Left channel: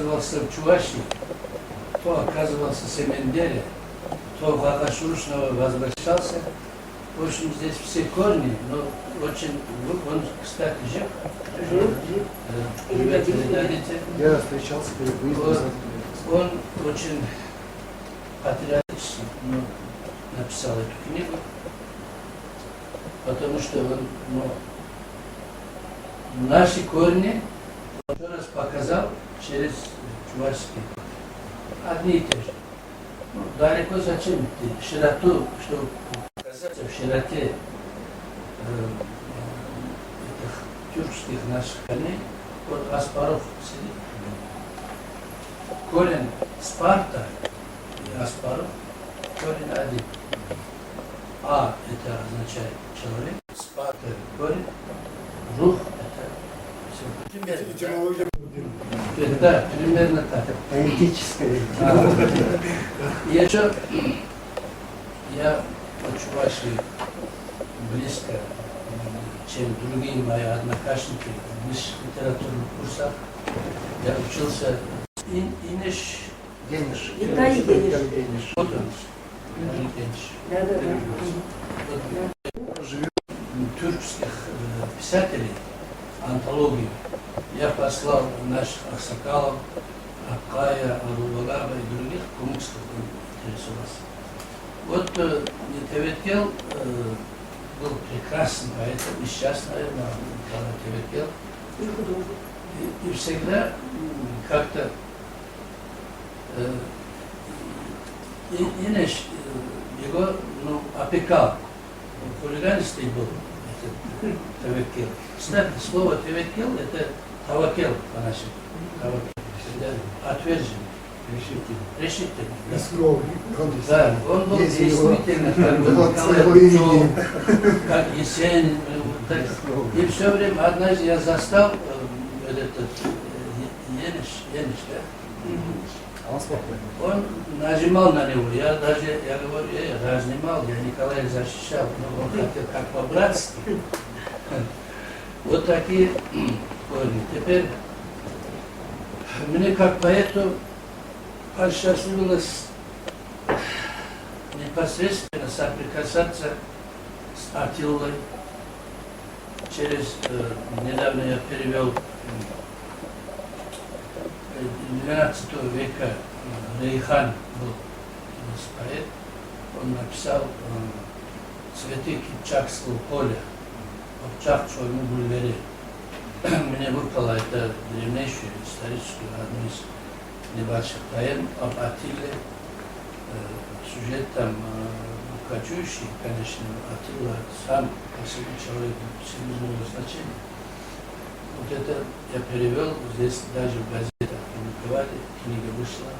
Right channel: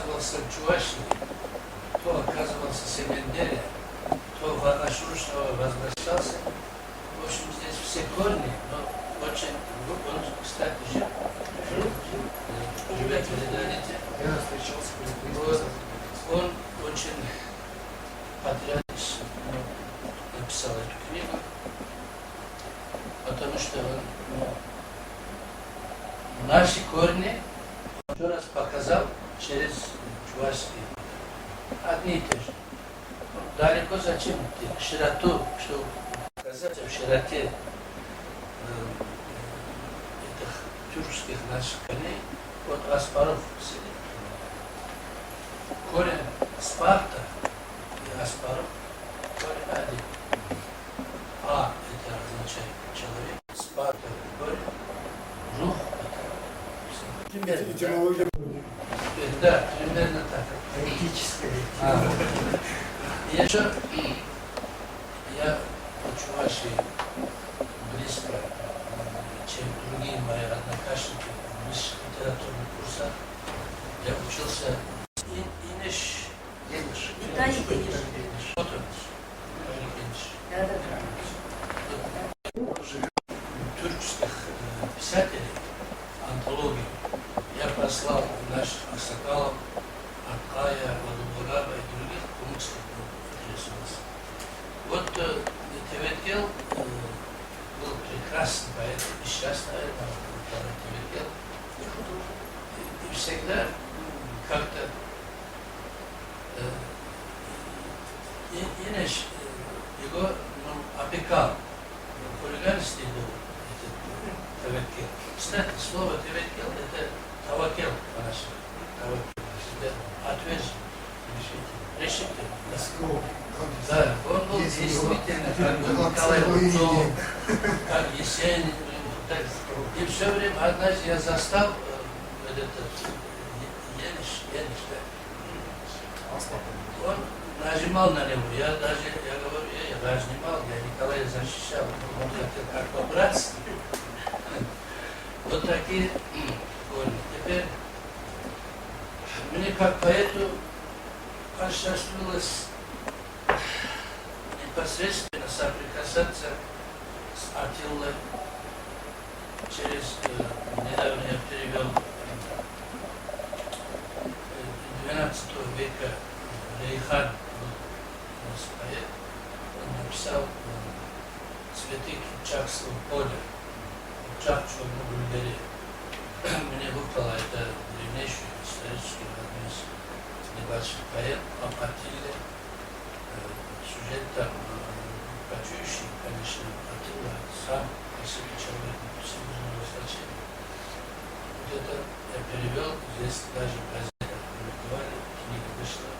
оказывался в Чувашии, то оказывался в Семендере, то в Агашушново возвращался. В общем, здесь все корни, но очень... Он, кстати, жив. Жив. Да, живет в Ледовите. Я встречался перед выездом. Он очень патриотично написал эту книгу, потому что он, наши корни он еще раз показал через чувашский. Одни и те же. Далеко зачем идти? Широту, чтобы показать в широте этих тюркских наших корней, вот Аспаров сидит. Корень Спарта и Аспаров корень один. А это означает человек, Спарта корень, рух это все. Примерно. Да, примерно так. Поэтическое. Еще я от Чувашии близко, чем другие мои однокашники в высших литературных курсах. Я учился Инеш. Дениш. Виталий Дениш. Вот он. Виталий Дениш. Да. Живет. Тюркских писателей, антологию, я послал наших Аксакалов, Аккая, Адулвагаба и других, кому интересовался. Вот Теветкел был прекрасным поэтом, и сейчас, наверное, Николай Теветкел. И художник. И всегда как-то Инеш его опекал. Хулиганистый был этот Теветкел. Кстати, слово Теветкел это Тавакел по-нашему. Тавакел. Отверженный. Решительный. Да, он был действительно как бы Николай Рубцов, как Есенин. Вот так. И все время, однажды я застал этот Ениш, да? Он нажимал на него, я говорю, я разнимал, я Николая защищал, но он хотел как по-братски. Вот такие корни. Теперь мне как поэту посчастливилось непосредственно соприкасаться с Атиллой. Недавно я перевел 12 века Рейхан был у нас поэт. Он написал «Цветы Кипчакского поля» в Чахчевом бульваре. Мне выпало это древнейшее историческое, одно из небольших поэм об Атилле. Сюжет там кочующий, конечно, Атилла сам по себе человек всемирного значения. Вот это я перевел, здесь даже в газетах публиковали, книга вышла.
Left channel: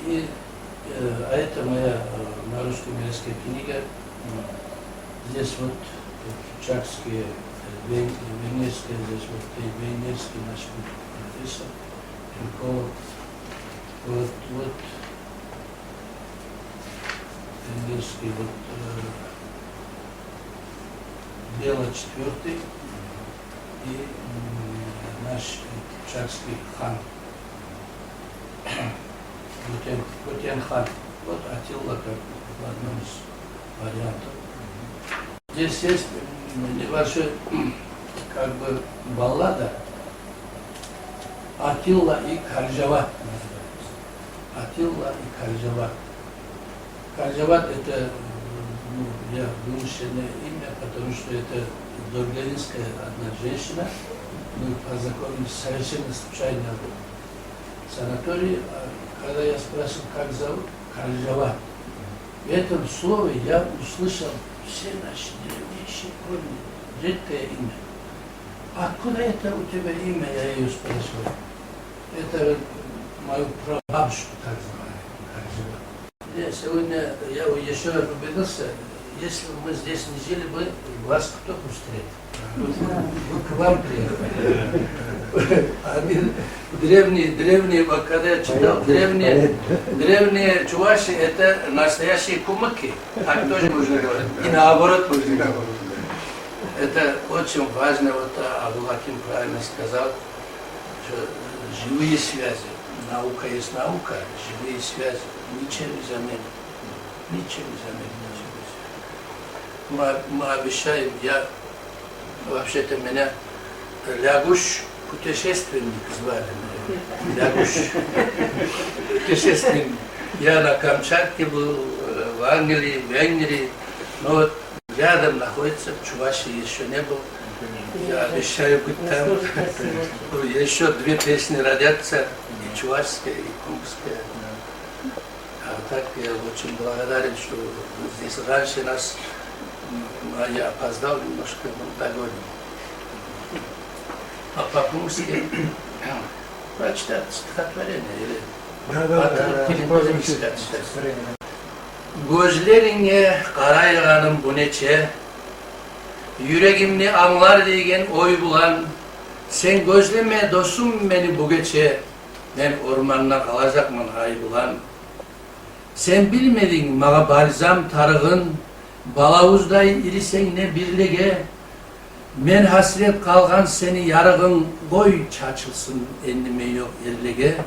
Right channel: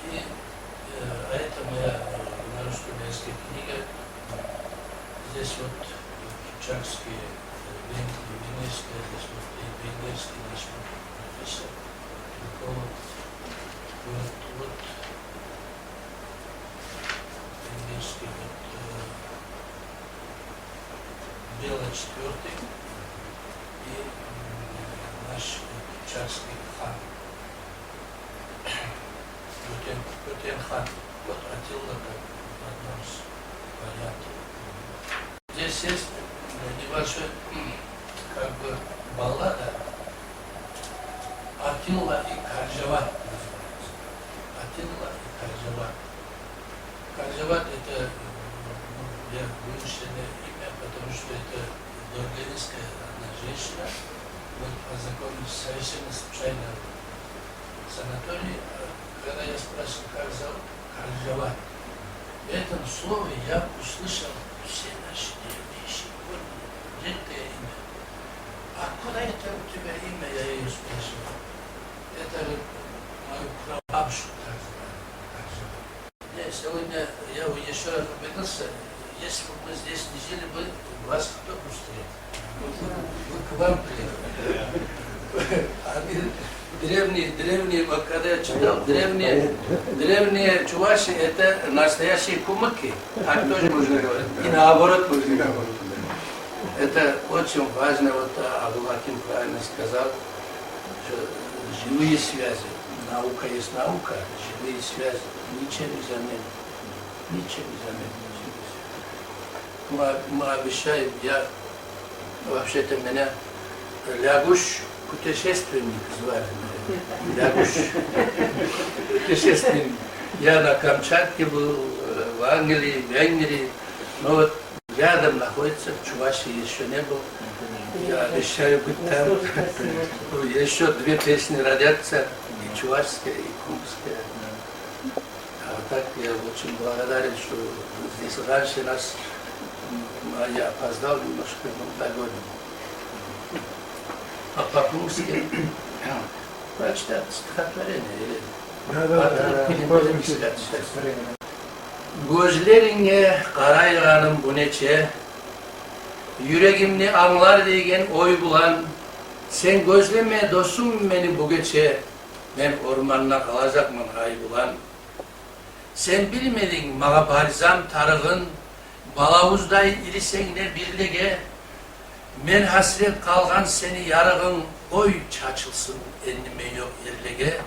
А это моя на русском языке книга. Здесь вот кипчакские, венгерские, здесь вот и венгерский наш профессор Тюркова. Вот венгерский вот Бела IV и наш кипчакский хан Кутен-хан. Вот Атилла как в одном из вариантов. Здесь есть небольшой как бы баллада Атилла и Каржават называется. Атилла и Каржават. Каржават это я вымышленное имя, потому что это дорганинская одна женщина. Мы познакомились совершенно случайно в санатории. Когда я спросил, как зовут, Каржават. В этом слове я услышал все наши древнейшие корни, редкое имя. Откуда это у тебя имя, я ее спрашивал. Это мою прабабушку так звали, Каржават. Сегодня я еще раз убедился, если бы мы здесь не жили бы, вас кто бы встретил? Мы к вам приехали. Древние, когда я читал, древние чуваши это настоящие кумыки. Так тоже можно говорить. И наоборот можно говорить. Это очень важно, вот Абу-Бакр правильно сказал, что живые связи. наука есть наука, живые связи, ничем не заменит. Ничем не заменит. Мы обещаем, я вообще-то меня Лягуш путешественник звали. Лягуш путешественник. Я на Камчатке был, в Англии, в Венгрии. Но вот рядом находится, в Чувашии еще не был. Я обещаю быть там. Еще 2 песни родятся, и чувашская, и курская. А так я очень благодарен, что вы здесь раньше нас, а я опоздал немножко на годе. А по-курски прочитать стихотворение или Gözlerine karayağanım bu neçe, yüreğimni anlar diyen oy bulan, sen gözleme dostum beni bu gece, ben ormanına kalacakmın hay bulan. Sen bilmedin mağa barzam tarığın, balavuzday irisen ne birlege, men hasret kalgan seni yarığın, boy çaçılsın ennime yok erlege.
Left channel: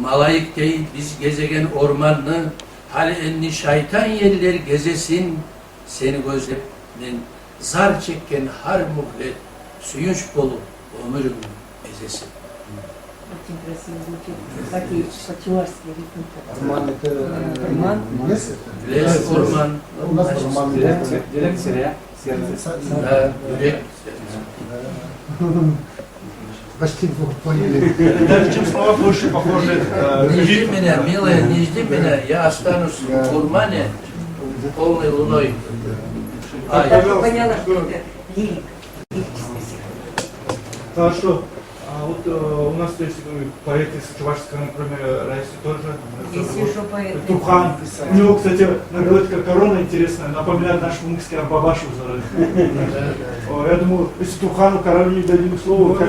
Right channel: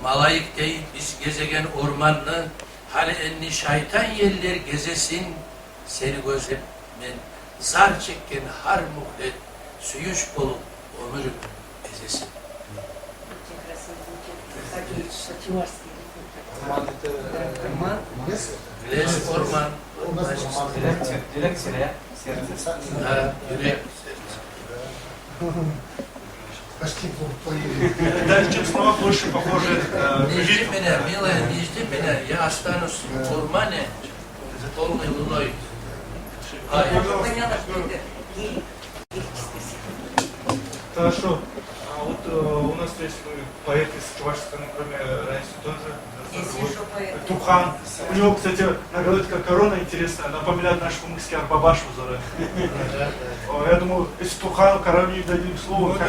Malayık değil biz gezegen ormanını, hal enni şeytan yerler gezesin, seni gözlep men zar çekken har muhlet, suyunç dolu ömrüm ezesin. Очень красиво звучит. Такие по-чувашски ритмы. Роман это Роман. лес? Лес, orman, У нас роман Дирекция, сердце. да, yürek, serce. Почти поняли. Да, чем слова больше похожи. Не жди меня, милая, не жди меня, я останусь в Курмане полной луной. Я так поняла, что это лирика. Лирическая стихотворение. Хорошо. А вот у нас есть поэты с чувашского, кроме Раисы тоже. Есть еще поэты. Турхан. У него, кстати, наградка корона интересная, напоминает наш мумыкский Арбабашу Зары. Я думаю, если Турхану королю дадим слово, как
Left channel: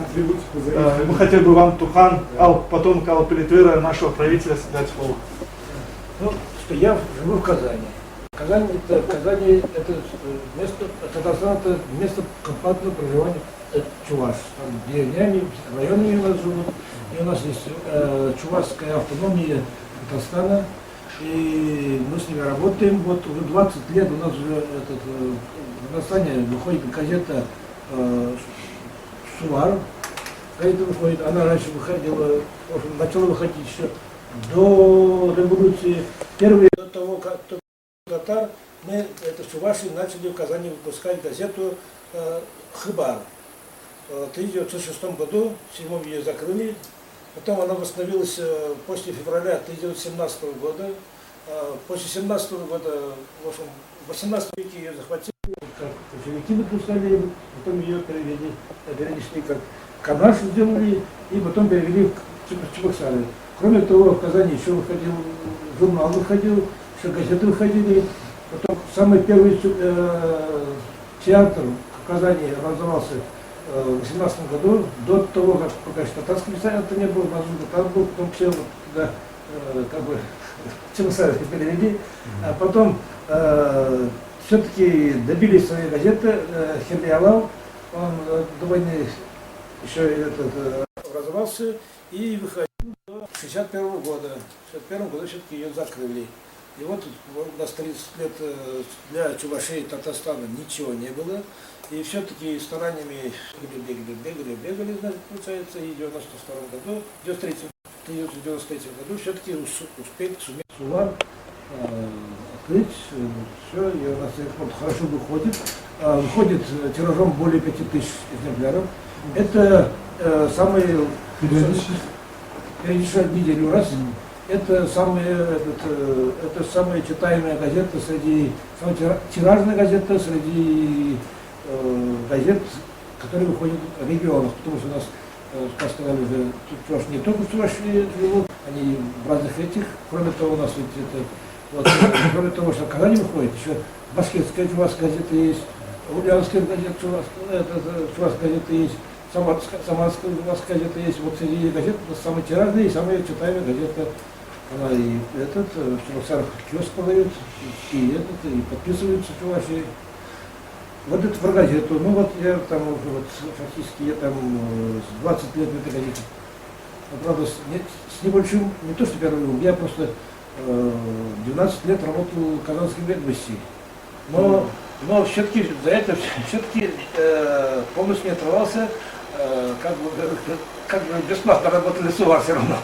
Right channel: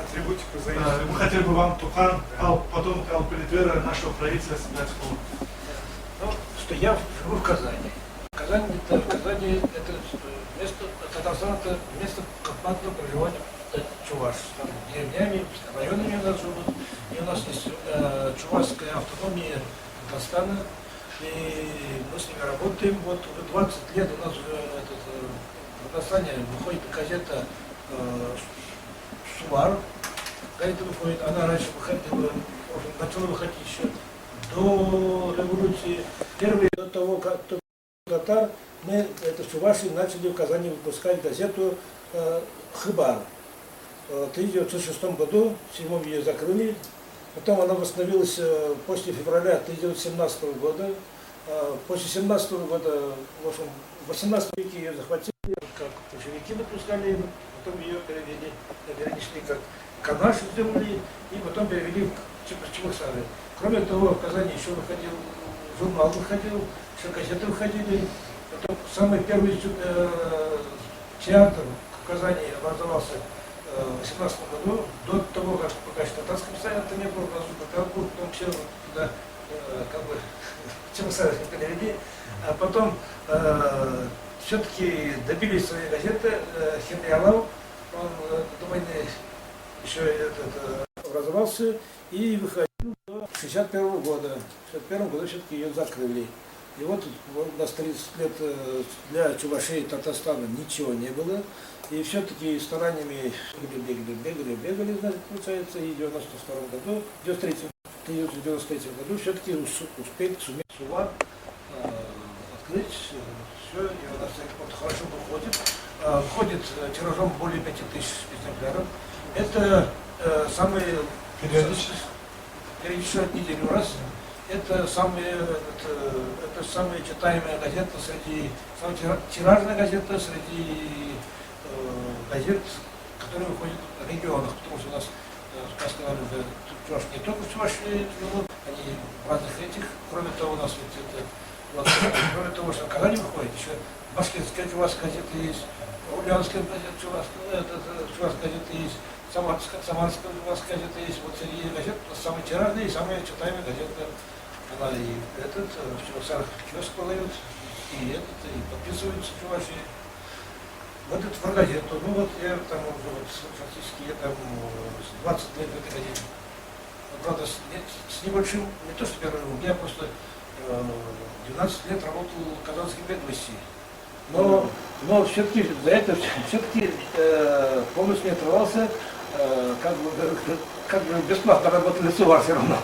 Атрибутику мы хотели бы вам, Турхан, потом Алпелитвера, нашего правителя, дать слово. Ну, что я живу в Казани. Казань это место, Татарстан это место компактного проживания чуваш. Там деревнями, районами у нас живут. И у нас есть чувашская автономия Татарстана. И мы с ними работаем. Вот уже 20 лет у нас уже в Татарстане выходит газета «Сувар». Газета выходит, она раньше выходила, в общем, начала выходить еще до революции. Первые до того, как татар, мы это в Чувашии начали в Казани выпускать газету «Хыбар». В 1906 году, в 1907 ее закрыли. Потом она восстановилась после февраля 1917 года. После 1917 года, в общем, в 18 веке ее захватили, как большевики выпускали, потом ее перенесли как Канаш сделали, и потом перевели в Чебоксары. Кроме того, в Казани еще выходил, журнал выходил, еще газеты выходили. Потом самый первый театр в Казани образовался в 18 году, до того, как пока еще татарского писателя не было, у нас татар был, потом все туда как бы Чебоксары перевели, а потом все-таки добились своей газеты. Херлиалав, он до войны еще образовался и выходил до 61 года. В 61 году все-таки ее закрыли. И вот у нас 30 лет для Чувашии и Татарстана ничего не было. И все-таки стараниями бегали, значит, получается, и в 92 году, в 1993 году все-таки сумели Сувар открыть. Все, и у нас экспорт хорошо выходит. Выходит тиражом более 5000 экземпляров. Это самые периодически неделю раз. Это самая читаемая газета среди, самая тиражная газета среди газет, которые выходят в регионах, потому что у нас, как сказали уже, Чуваш не только в Чувашии живут, они в разных этих, кроме того, у нас ведь это, вот, кроме того, что в Казани выходит, еще башкирская чувашская газета есть, ульяновская газета, чувашская газета есть, самарская чувашская газета есть, вот среди газет у нас самая тиражная и самая читаемая газета. Она и в Чебоксарах киоск продает, и подписывается в Чувашии. вот эту про газету, ну вот я там уже вот фактически я там 20 лет в этой газете. Но, правда, с небольшим, не то что первым, я просто 12 лет работал в Казанской ведомости. Но все-таки за это все-таки полностью не отрывался, как бы бесплатно работал и ссылал все равно.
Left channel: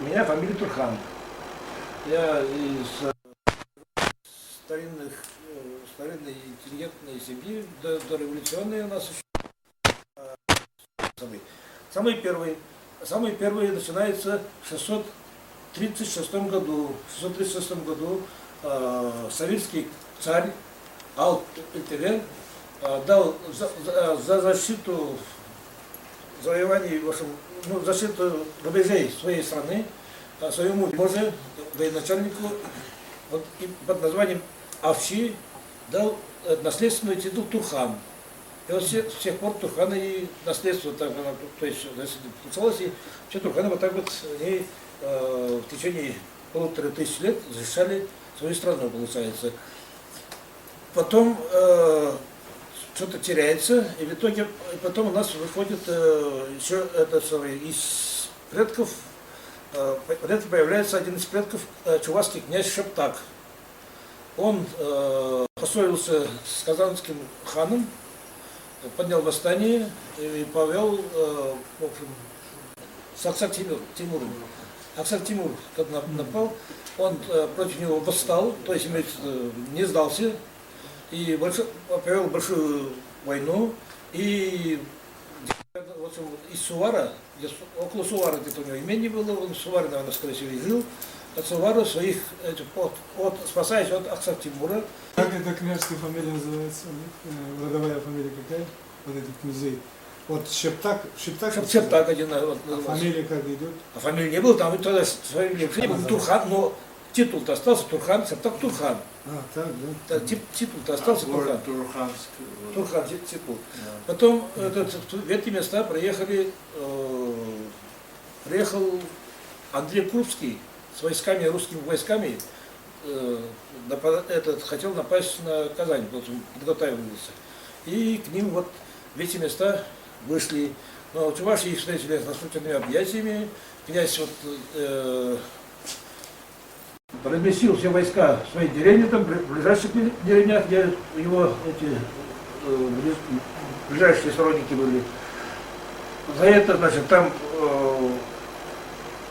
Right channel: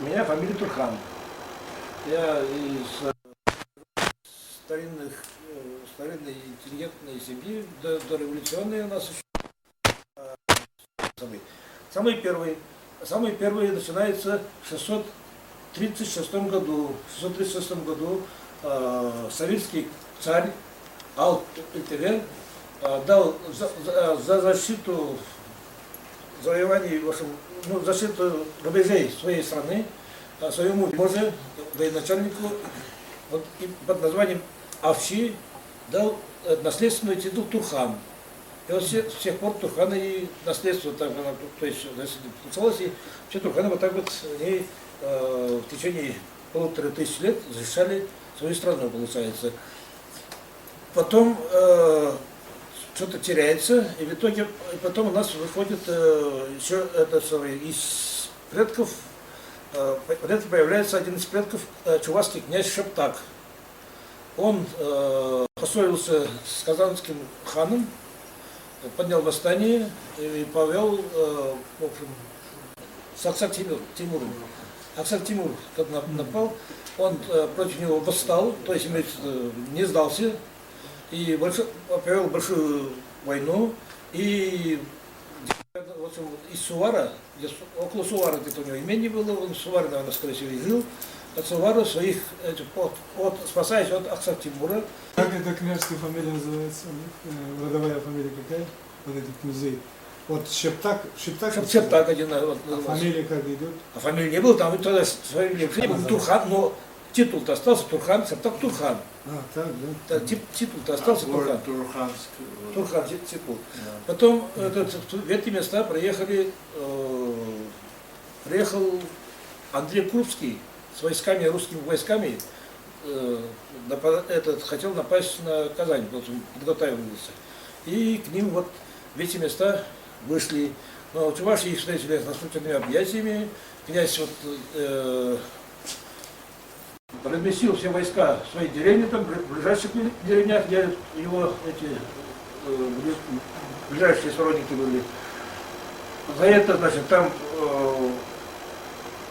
У меня фамилия Турхан. Я из старинной интеллигентной семьи, дореволюционной у нас еще. Самый первый начинается в 636 году. В 636 году советский царь Ал-Итирен дал за защиту завоеваний, в общем, защиту рубежей своей страны своему вельможе, военачальнику под названием Авши дал наследственный титул Турхан. И вот с тех пор Турханы и наследство, то есть получалось, и все Турханы вот так вот они в течение 1500 лет защищали свою страну, получается. Потом что-то теряется, и в итоге потом у нас выходит еще из предков, появляется один из предков, чувашский князь Шептак. Он поссорился с казанским ханом, поднял восстание и повел, в общем, с Аксак Тимуром. Аксак Тимур, когда напал, он против него восстал, то есть не сдался, и повел большую войну, и в общем, из Сувара, около Сувара где-то у него имение было, он в Суваре, наверное, скорее всего, и жил, от Сувара своих, спасаясь от Аксак Тимура. Как эта княжеская фамилия называется? Родовая фамилия какая? Вот этих князей. Вот Шептак один. Вот, фамилия как идет? А фамилии не было, там тогда фамилия был Турхан, но титул-то остался Турхан, Шептак Турхан. Так, да? Титул-то остался Турхан. Турхан титул. Да. Потом в эти места приехал Андрей Крупский с войсками, русскими войсками, хотел напасть на Казань, подготавливался. И к ним вот в эти места вышли. Но чуваши их встретили с наступительными объятиями. Князь разместил все войска в своей деревне, там, в ближайших деревнях, где его ближайшие сторонники были. За это, значит, там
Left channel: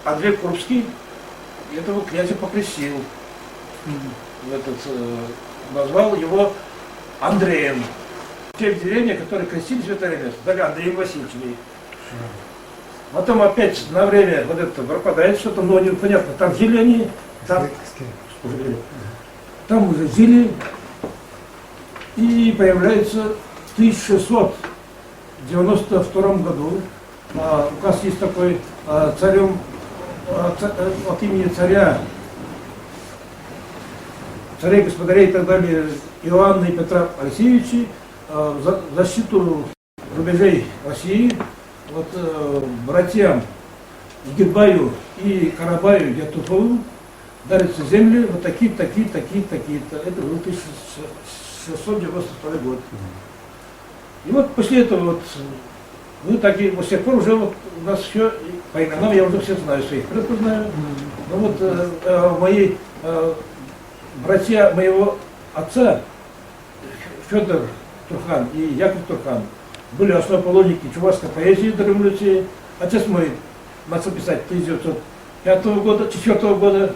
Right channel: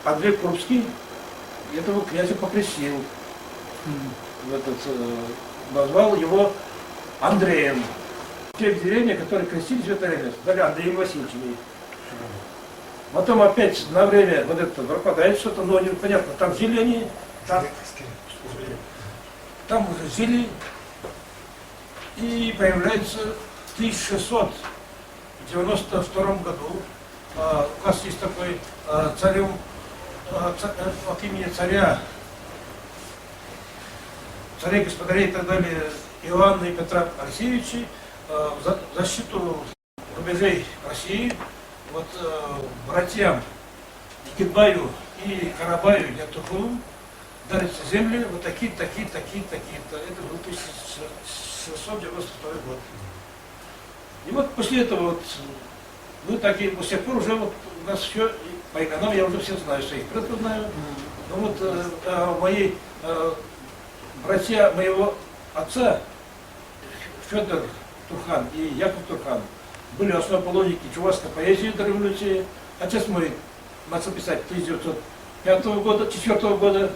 Андрей Крупский этого князя покрестил. Назвал его Андреем. Те деревни, которые крестились в это время, дали Андреем Васильевичем. Потом опять на время вот это пропадает что-то, но непонятно, там жили они, там уже жили, и появляется в 1692 году, указ есть такой, царем, от имени царей, господарей и так далее, Иоанна и Петра Алексеевича, в защиту рубежей России, вот братьям Игидбаю и Карабаю Ятухову дарятся земли вот такие-то. Это был 1692 год. И вот после этого вот мы такие, с тех пор уже вот у нас все, по именам я уже всех знаю, своих предков знаю. Но вот мои братья моего отца, Федор Турхан и Яков Турхан, были основоположники чувашской поэзии до революции. Отец мой начал писать 1905 года, 4 года,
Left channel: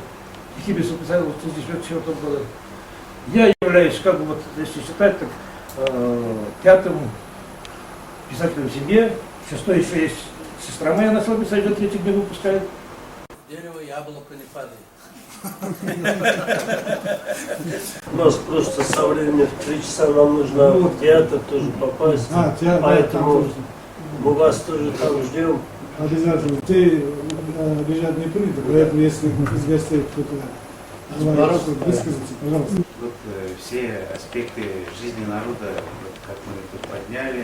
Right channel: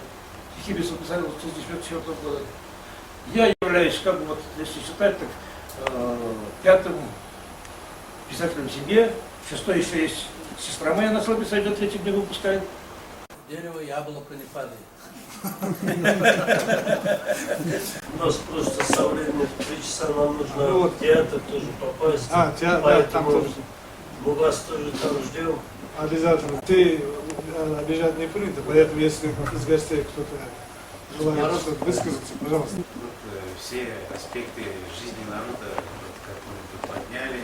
стихи писал 1904 года. Я являюсь, как бы вот, если считать, так пятым писателем в семье, шестой еще есть сестра моя начала писать, уже 3-ю книгу выпускает. Дерево, яблоко не падает. У нас просто со временем в 3 часа нам нужно в театр тоже попасть. Театр, поэтому мы вас тоже там ждем. Обязательно. Ты обижать не принято, поэтому если из гостей кто-то высказаться, пожалуйста. Вот все аспекты жизни народа, вот как мы тут подняли, и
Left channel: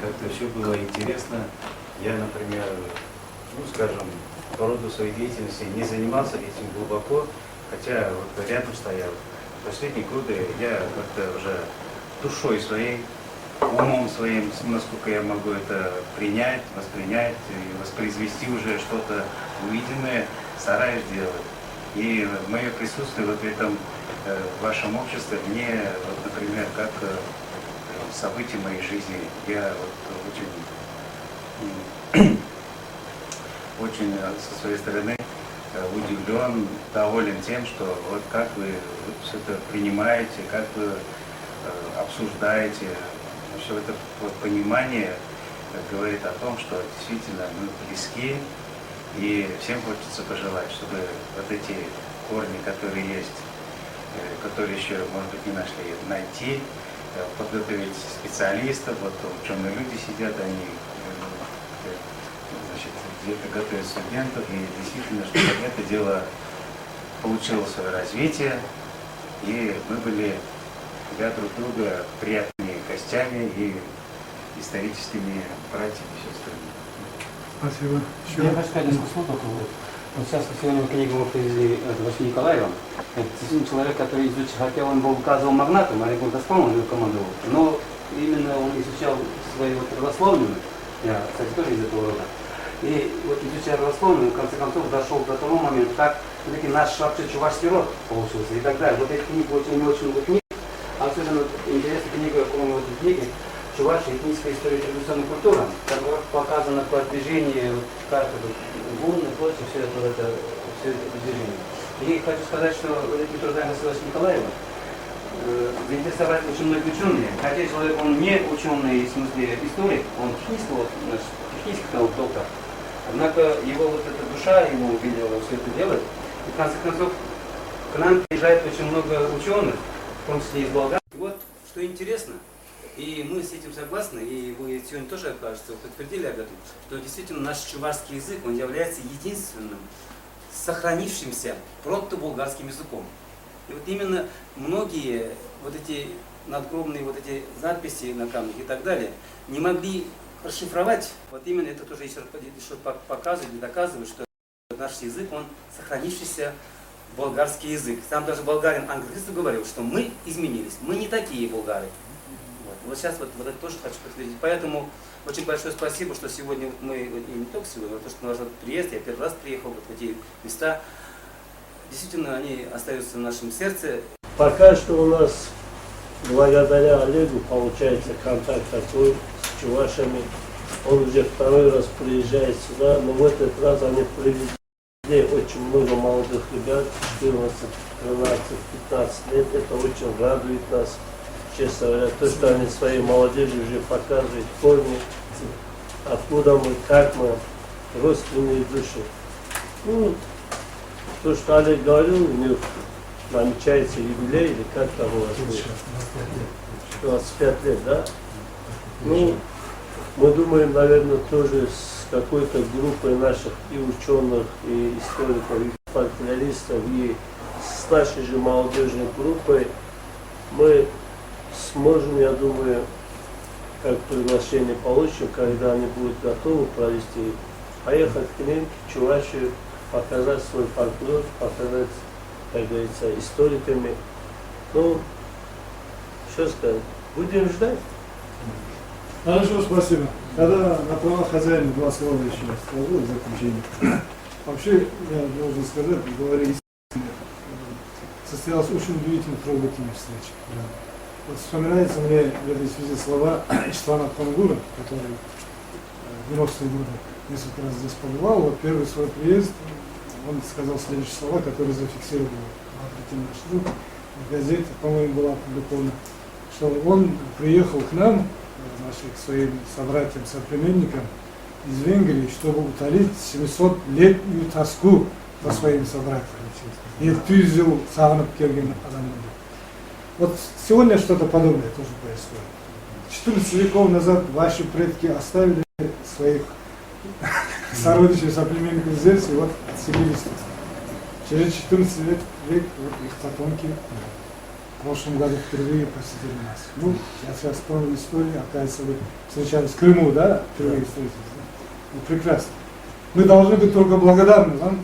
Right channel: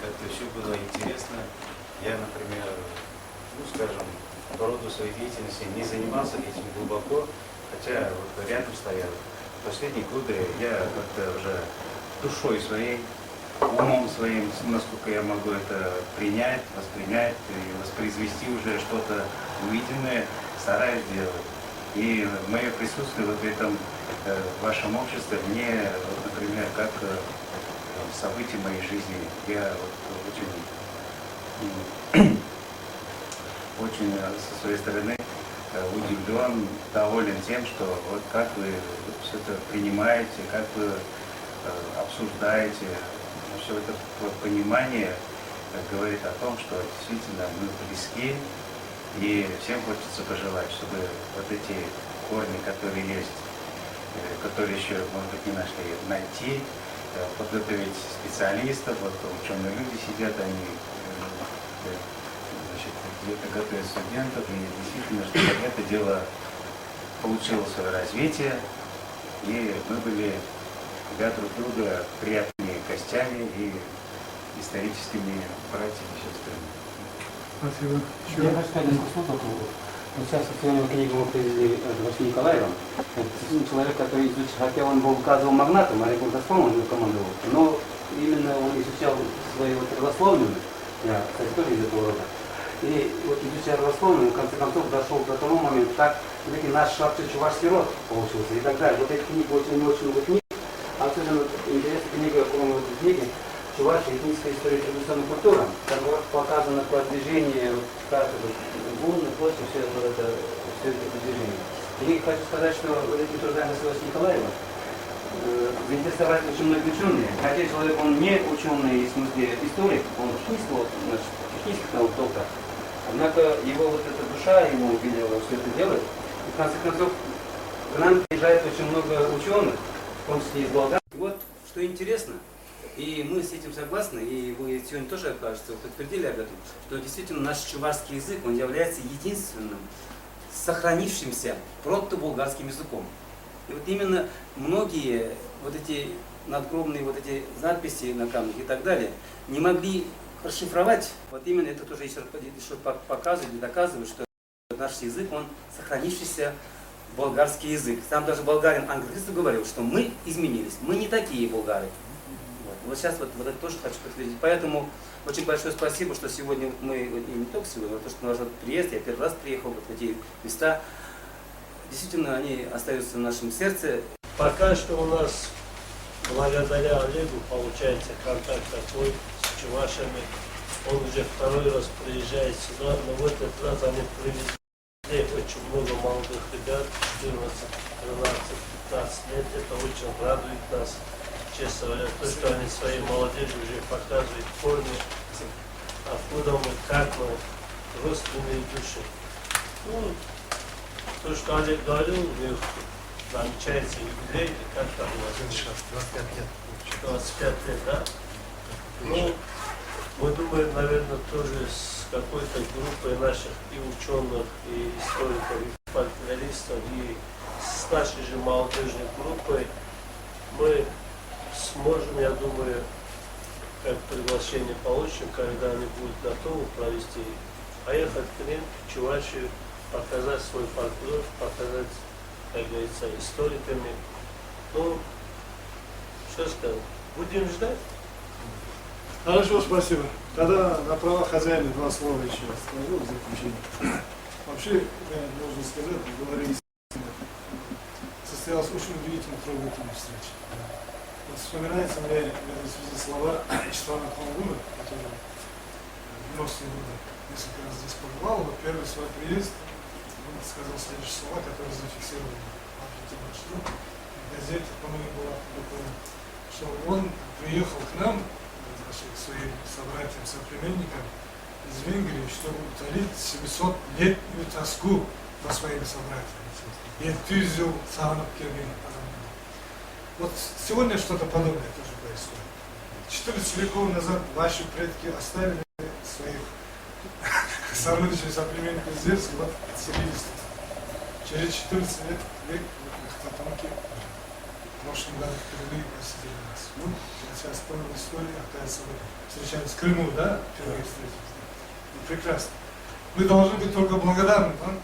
как-то все было интересно. Я, например, скажем, по роду своей деятельности не занимался этим глубоко, хотя вот рядом стоял. В последние годы я как-то уже душой своей, умом своим, насколько я могу это принять, воспринять, воспроизвести уже что-то невидимое, стараюсь делать. И мое присутствие вот в этом вашем обществе мне, вот, например, как событие моей жизни. Я очень со своей стороны удивлен, доволен тем, что вот как вы все это принимаете, как вы обсуждаете, что это вот понимание говорит о том, что действительно мы близки, и всем хочется пожелать, чтобы вот эти корни, которые есть, которые еще, может быть, не нашли найти, подготовить специалистов, вот ученые люди сидят, они где-то готовят студентов, и действительно, чтобы это дело получило свое развитие, и мы были для друг друга приятными гостями и историческими братьями. Спасибо. Я бы сказал, вот сейчас сегодня книгу привезли от Василия Николаева. Это человек, который изучил, хотя он был газовым магнатом, а я был Газпромом командовал. Но именно он изучал свои родословные, я, кстати, тоже из этого рода. И вот изучая родословные, в конце концов дошел до того момента, как наш вообще чувашский род получился и так далее. Вот эти книги очень книг. Особенно интересная книга, вот книгу «Чувашская этническая история традиционной культуры», когда показано продвижение каждого гуни, прочее, все это движение. И хочу сказать, что эти трудные государства Николаева заинтересовали очень многие ученые. А отец человек, он не ученый, в смысле историк, он физик того толка. Однако его душа, ему все это делает. И в конце концов, к нам приезжает очень много ученых, в том числе из Болгар. Вот, что интересно, и мы с этим согласны, и вы сегодня тоже, кажется, подтвердили об этом, что действительно наш чувашский язык, он является единственным сохранившимся прото-болгарским языком. И вот именно многие вот эти надгробные вот эти надписи на камнях и так далее не могли расшифровать. Вот именно это тоже еще показывает и доказывает, что наш язык, он сохранившийся болгарский язык. Сам даже болгарин английский говорил, что мы изменились, мы не такие болгары. Вот сейчас вот это тоже хочу подтвердить. Поэтому очень большое спасибо, что сегодня вот мы, и не только сегодня, но то, что наш приезд, я первый раз приехал вот в эти места. Действительно, они остаются в нашем сердце. Пока что у нас, благодаря Олегу, получается контакт такой с чувашами. Он уже второй раз приезжает сюда, но в этот раз они привезли очень много молодых ребят, 14, 13, 15 лет. Это очень радует нас. Честно говоря, то, что они своей молодежи уже показывают корни, откуда мы, как мы, родственные души. Ну, то, что Олег говорил, у них намечается юбилей, или как там у вас будет? 25 лет, да? Ну, мы думаем, наверное, тоже с какой-то группой наших и ученых, и историков, и фольклористов, и с нашей же молодежной группой мы сможем, я думаю, как приглашение получим, когда они будут готовы провести, поехать к ним, в Чувашию, показать свой фольклор, показать, как говорится, историками. Ну, что сказать, будем ждать. Хорошо, спасибо. Тогда на правах хозяина два слова еще скажу в заключение. Вообще, я должен сказать, говоря истинно, состоялась очень удивительная, трогательная встреча. Вот вспоминается мне в этой связи слова Иштвана Хонгура, который в 90-е годы несколько раз здесь побывал. Вот первый свой приезд, он сказал следующие слова, которые зафиксировал Бахретин Машру, в газете, по-моему, была опубликована, что он приехал к нам, значит, к своим собратьям, соплеменникам из Венгрии, чтобы утолить 700-летнюю тоску по своим собратьям. И тюзил сағынып келген адамдарды. Вот сегодня что-то подобное тоже происходит. 14 веков назад ваши предки оставили своих сородичей, соплеменников здесь, и вот отселились тут. Через 14 век вот их потомки в прошлом году впервые посетили нас. Ну, я сейчас вспомнил историю, оказывается, вы встречались в Крыму, да? Впервые встретились, да? Ну, прекрасно. Мы должны быть только благодарны вам,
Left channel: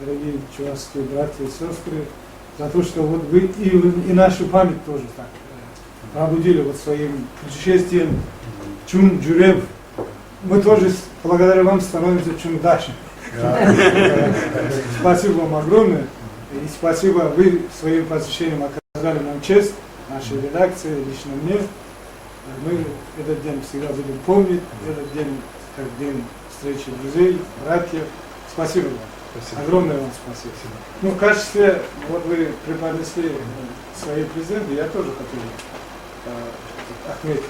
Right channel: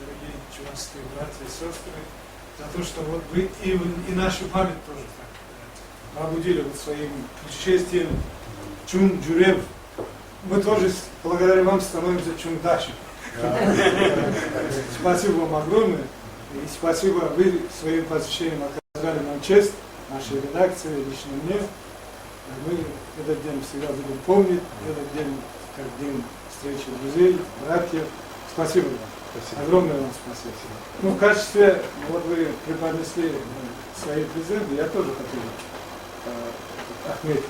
дорогие чувашские братья и сестры, за то, что вот вы и нашу память тоже так пробудили вот своим путешествием Чун Джурев. Мы тоже благодаря вам становимся Чундашем. Спасибо вам огромное. И спасибо, вы своим посещением оказали нам честь, нашей редакции, лично мне. Мы этот день всегда будем помнить, этот день как день встречи друзей, братьев. Спасибо вам. Огромное вам спасибо. Ну, в качестве, вот вы преподнесли свои презенты, я тоже хотел отметить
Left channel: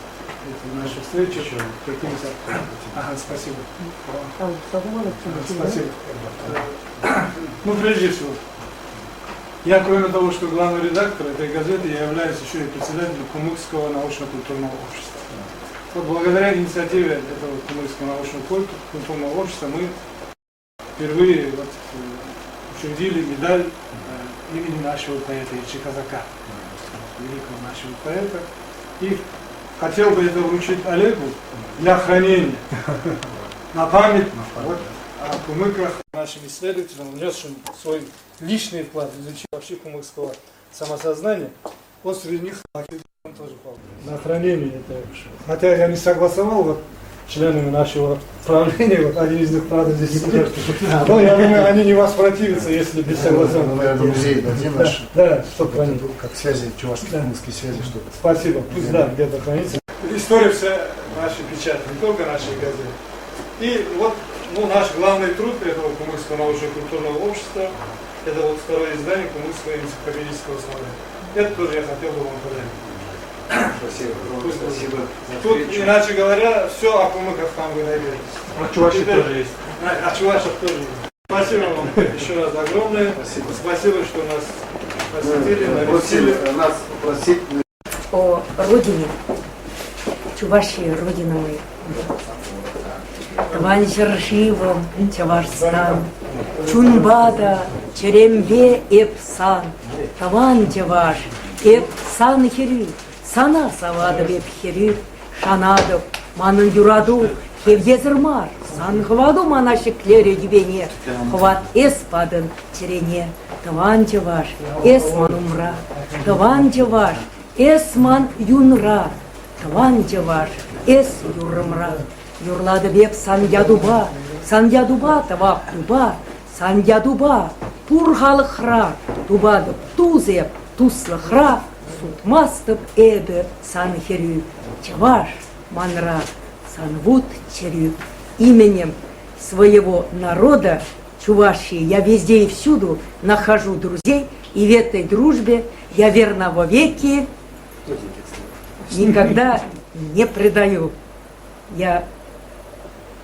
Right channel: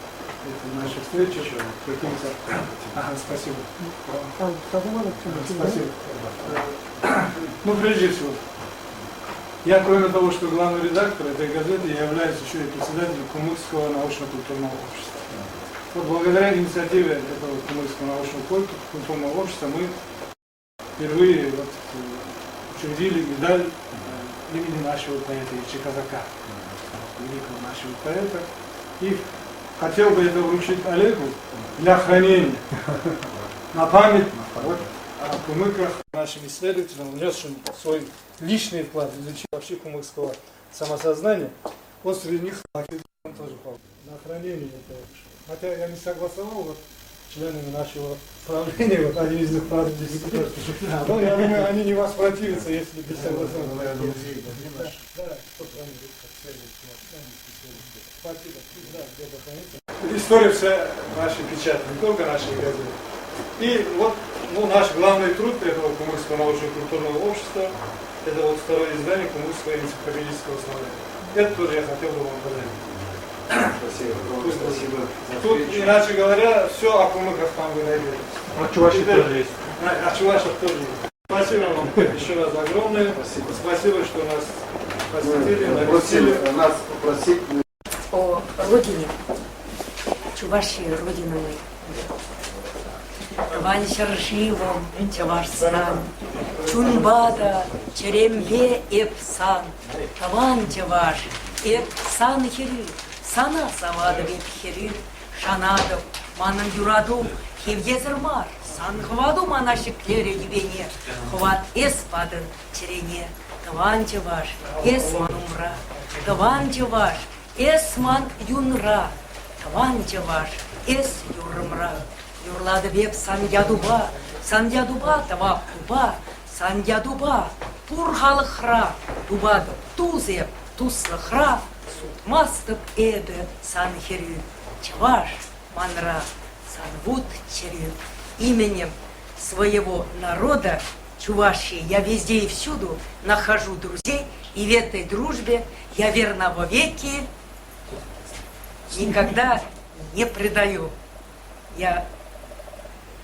нашу встречу каким-то... Ага, спасибо. Спасибо. Ну, прежде всего, я, кроме того, что главный редактор этой газеты, я являюсь еще и председателем Кумыкского научно-культурного общества. Вот благодаря инициативе этого Кумыкского научно-культурного общества мы впервые вот, учредили медаль имени нашего поэта Ильича Казака. Нашего поэта. И хотел бы это вручить Олегу для хранения на память вот, о кумыках. Нашим исследователям, внесшим свой личный вклад в изучение вообще кумыкского самосознания, вот среди них он тоже пал на хранение этого. Хотя я не согласовал вот, членами нашего правления, вот один из них, правда, здесь сидит. Но я думаю, они не воспротивятся, если без согласования. Ну, наверное, музей дадим наш. Да, чтобы хранить. Как связи, чувашско-кумыкские связи, что-то. Спасибо, пусть да, где-то хранится. История вся наша печать, не только наши газеты. И вот ну, наш главный труд этого Кумыкского научно-культурного общества, это вот второе издание Кумыкского энциклопедического собрания. Это тоже я хотел бы показать. Спасибо. Спасибо. Тут, иначе говоря, все о кумыках там говорили. А Чуваши тоже есть. А Чувашев тоже есть. Спасибо вам еще раз огромное. Спасибо, что нас посетили, навестили. Нас просить. О родине, Чувашия, родина моя. Таван Жыршивым, Чавашстан, Чунбада, Черембе, Эпсан, Таван Чаваш, Эпсан Хири, Сана Савада Вепхири, Шанадов, Манын Юраду, Хевдезермар, Сан Хваду Манашек Клере Юбене, Хват Эспадын Черене, Таван Чаваш, Эсман Умра, Таван Чаваш, Эсман Юнра, Таван Чаваш, Эс Юрмра. Юрлады беп Сандядуба, Сандядуба тавап дуба, Сандядуба, Пурхалыхра, Дубадып тузеп, Туслыхра, Сутмастып эбе Санхерю, Чаваш, Манра, Санвуд Черю. Именем своего народа, Чувашии, я везде и всюду нахожу друзей, и в этой дружбе я верна вовеки, никогда не предаю. Я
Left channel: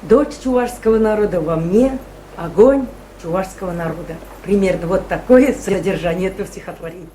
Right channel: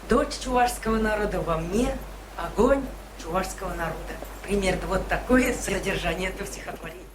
дочь чувашского народа, во мне огонь чувашского народа. Примерно вот такое содержание этого стихотворения.